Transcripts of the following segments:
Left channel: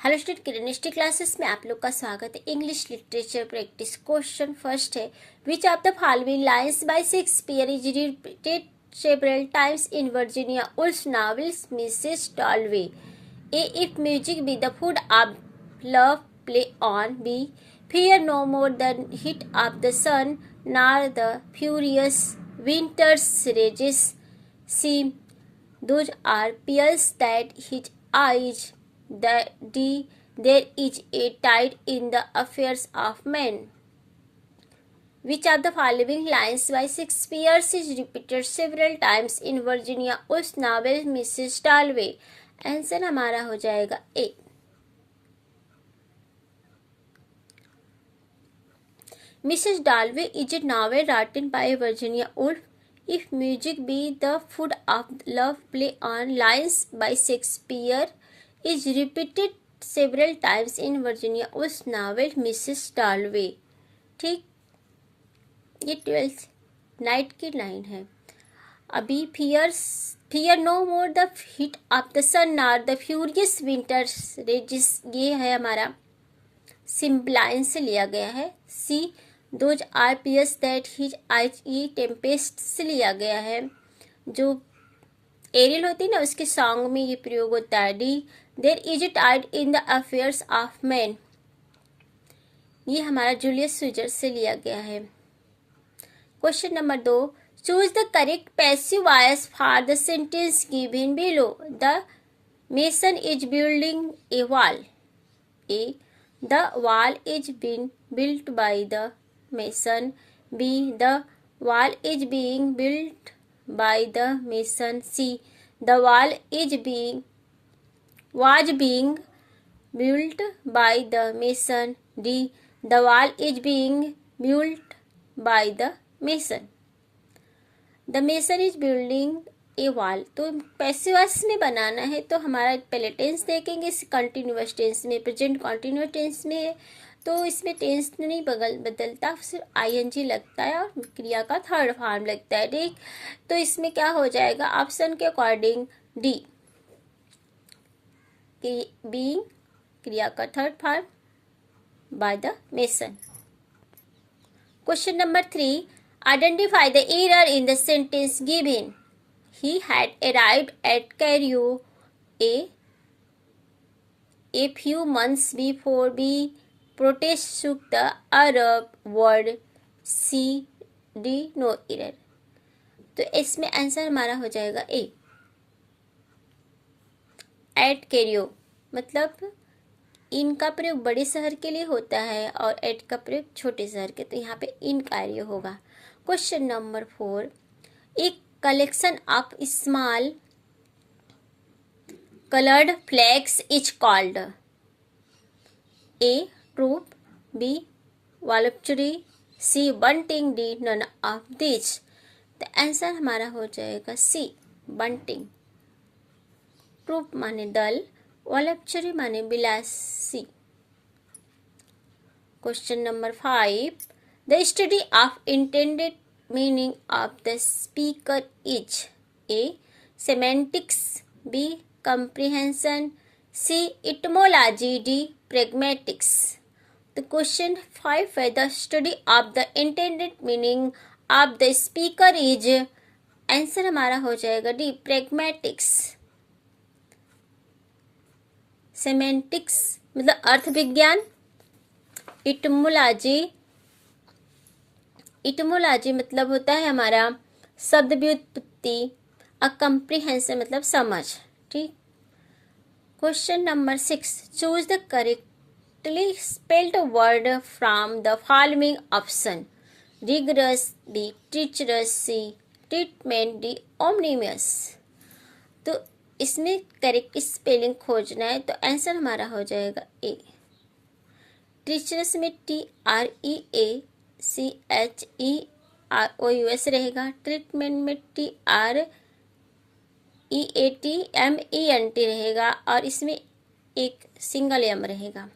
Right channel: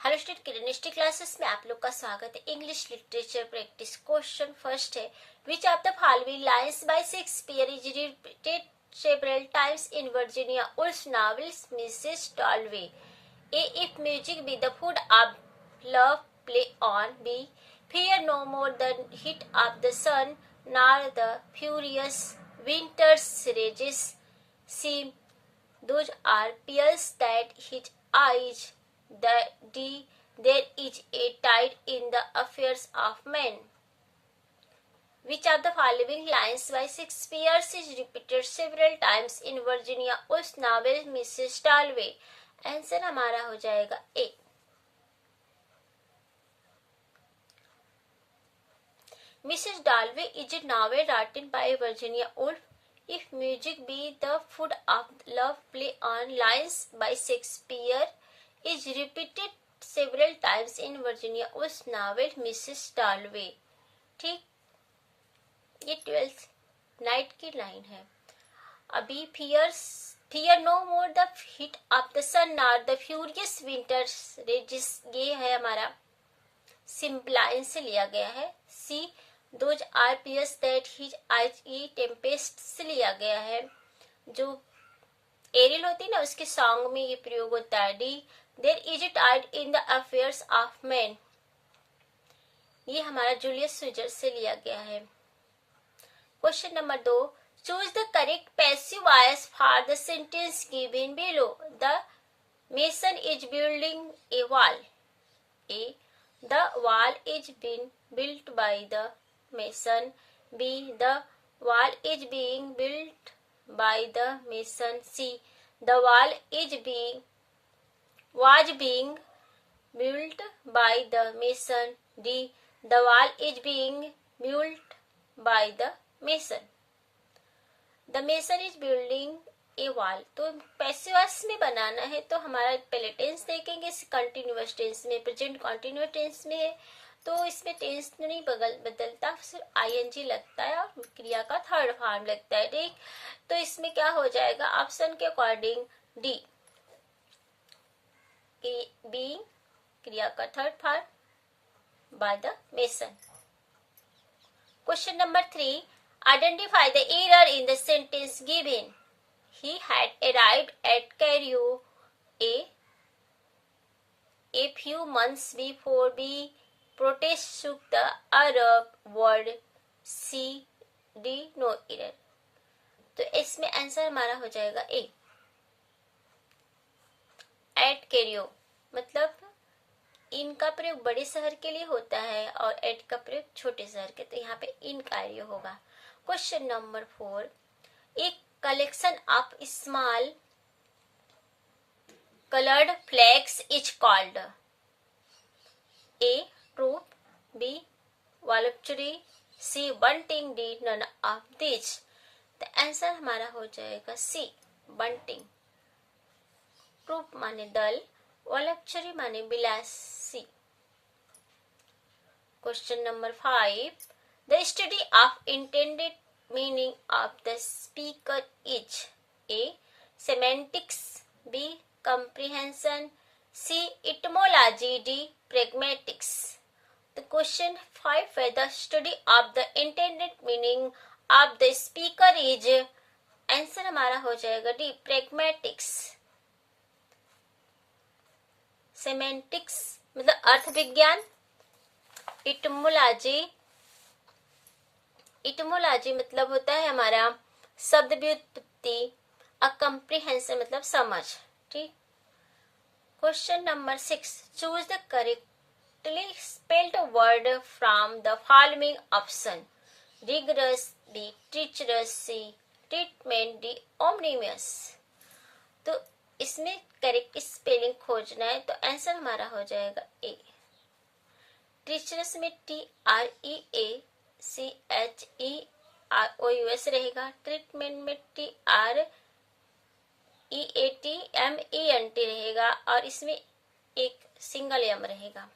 Hello student, किरणिस्टिक classes में आप लोग का स्वागत है। English literature practice question first है, which of the following lines by Shakespeare is repeated several times in Virginia Woolf novels Mrs Dalloway? A, if music be the food of love play on. B, fear no more the heat of the sun nor the furious winter's rages. C, those are pearls that his eyes. D, there is a tide in the affairs of men. Which of the following lines by Shakespeare is repeated several times in Virginia Woolf's novel Mrs. Dalloway? Answer हमारा हो जाएगा ए। Mrs. Dalloway is a novel written by Virginia Woolf. If music be the food of love, play on lines by Shakespeare is repeated several times in Virginia Woolf's novel Mrs. Dalloway. ठीक, ये 12th night की line है। अभी fear no more the heat of the sun nor the furious winter's rages, ये है हमारा सिम्पलाइन से लिया गया है। C, those are pearls that his eyes, ये टेम्पेस्ट से लिया गया है, जो एरियल होती ना उसके सॉन्ग में ये प्रयोग होता है। D, there is a tide in the affairs of man, ये हमारा जूलियस सीजर से लिया गया है। Question number 2, choose the correct passive voice for the sentence given below. The mason is building a wall. A, the wall is being built by the mason. B, the wall is being built by the mason. C, the wall was being built by the mason. D, the wall is being built by the mason. The mason is building ए वाल, तो passive voice में बनाना है तो हमारा पहले tense देखेंगे, continuous tense में, present continuous tense में है तो इसमें टेंस नहीं बदलता, सिर्फ आईएनजी लगता है और क्रिया का थर्ड फॉर्म लगता है। ठीक, तो इसमें क्या हो जाएगा ऑप्शन के अकॉर्डिंग डी, बी क्रिया का third form by the mason. Question number 3, identify the error in the sentence given. He had arrived at Cairo a few months before. B, protest shook the Arab world. C, D, no error. तो इसमें answer हमारा हो जाएगा ए। Eight Cairo मतलब इनका प्रयोग बड़े शहर के लिए होता है और एट का प्रयोग छोटे शहर के, तो यहाँ पे इन कैरियो होगा। क्वेश्चन नंबर 4, एक collection of small colored flags is called A, troop. B, voluptuary. C, bunting. D, none of these. तो आंसर हमारा हो जाएगा सी, बंटिंग। ट्रूप माने दल, वॉलप्चुरी माने बिलासी। Question number 5, the study of intended meaning of the speaker is A, semantics. B, comprehension. C, etymology. D, pragmatics. The question 5 है, the study of the intended meaning of the speaker is, answer हमारा हो जाएगा D, pragmatics. semantics मतलब अर्थ विज्ञान, इटमोलॉजी मतलब होता है हमारा शब्द व्युत्पत्ति, कंप्रीहेंशन मतलब समझ। ठीक, question number 6, choose the correctly spelled word from the following option. Rigorous, D treacherous, C treatment, D ominous. तो इसमें करेक्ट स्पेलिंग खोजना है तो आंसर हमारा हो जाएगा ए। टीचरस में TREA CHEROUS रहेगा। ट्रीटमेंट में TREATMENT रहेगा और इसमें एक सिंगल एम रहेगा।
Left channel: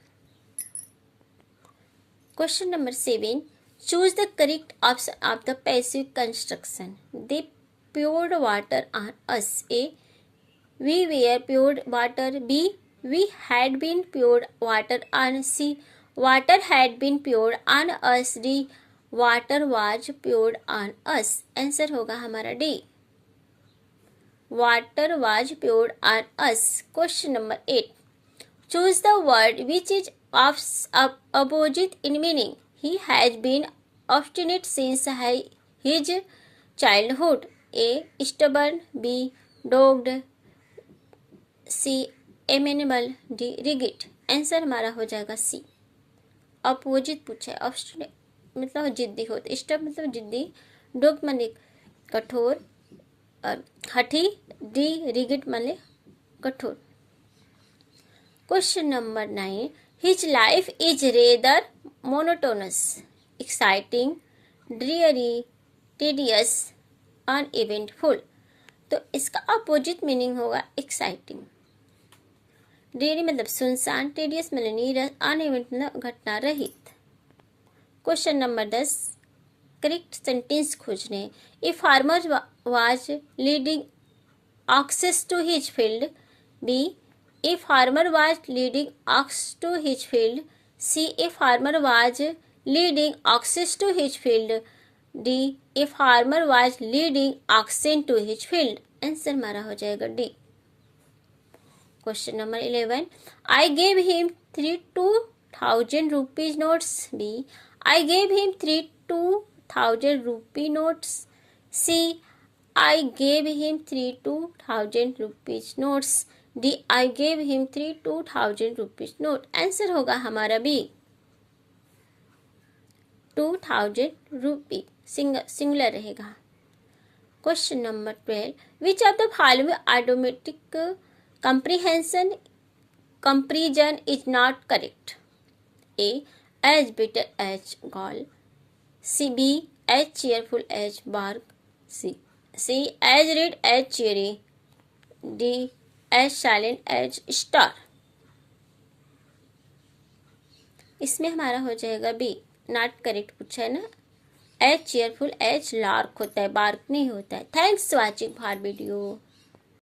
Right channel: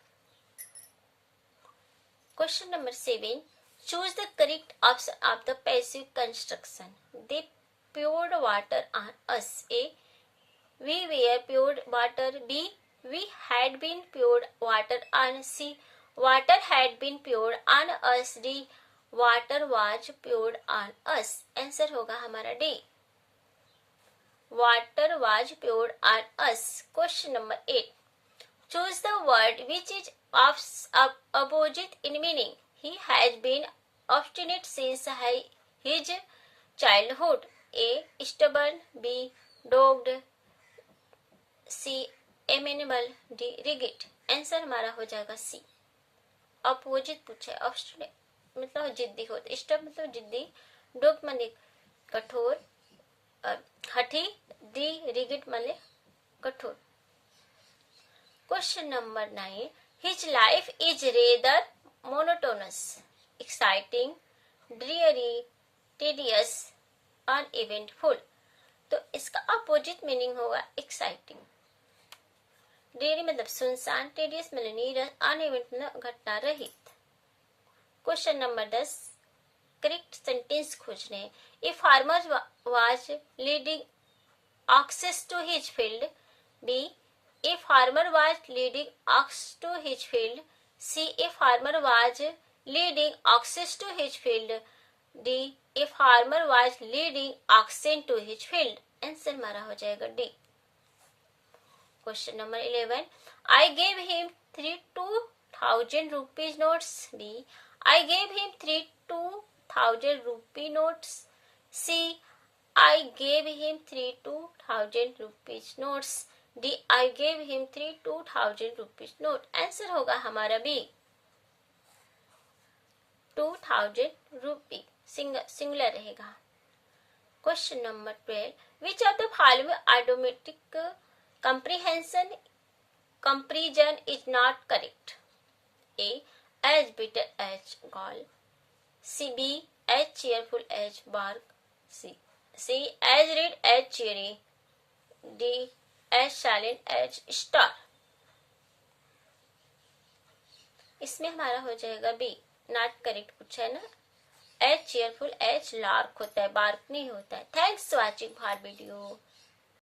Question number 7, choose the correct option of the passive construction. They poured water on us. A, we were poured water. B, We had been poured water on sea. Water had been poured on us. D. Water was poured on us. Answer होगा हमारा D. Water was poured on us. Question number 8. Choose the word which is opposite in meaning. He has been obstinate since his childhood. A. Stubborn. B. Dogged. C. Amenable. D. Rigid. Answer हमारा हो जाएगा सी. Opposite पूछा है. Obstinate मतलब जिद्दी होता. Stub मतलब जिद्दी. डोग माने कठोर और हठी. डी रिगिड माने कठोर. Question number 9. His life is rather monotonous, exciting, dreary, tedious, uneventful. तो इसका अपोजिट मीनिंग होगा एक्साइटिंग. ड्रीयरी मतलब सुनसान, टीडियस मतलब नीरस, अनइवेंट मतलब घटना रहित. Question number 10. करेक्ट सेंटेंस खोजने. A farmer was leading oxes to his field. B. A farmer was leading ox to his field. C. A farmer was leading oxes to his field. D. A farmer was leading oxen to his field. Answer हमारा हो जाएगा D. Question number 11. I gave him 3 2,000 rupees notes. B. I gave him 3 2,000 rupee notes. C. I gave him 3 2,000 rupees notes. D. I gave him 3 2,000 rupees note. Answer होगा हमारा B. 2,000 rupee singular रहेगा. Question number 12. Which of the following automatic comparison is not correct? A. As bitter as gall. C. B. As cheerful as bark. C. As red as cherry. D. As silent as star. इसमें हमारा हो जाएगा B. Not correct पूछा है ना. As cheerful as lark होता है, bark नहीं होता है. Thanks for watching our video.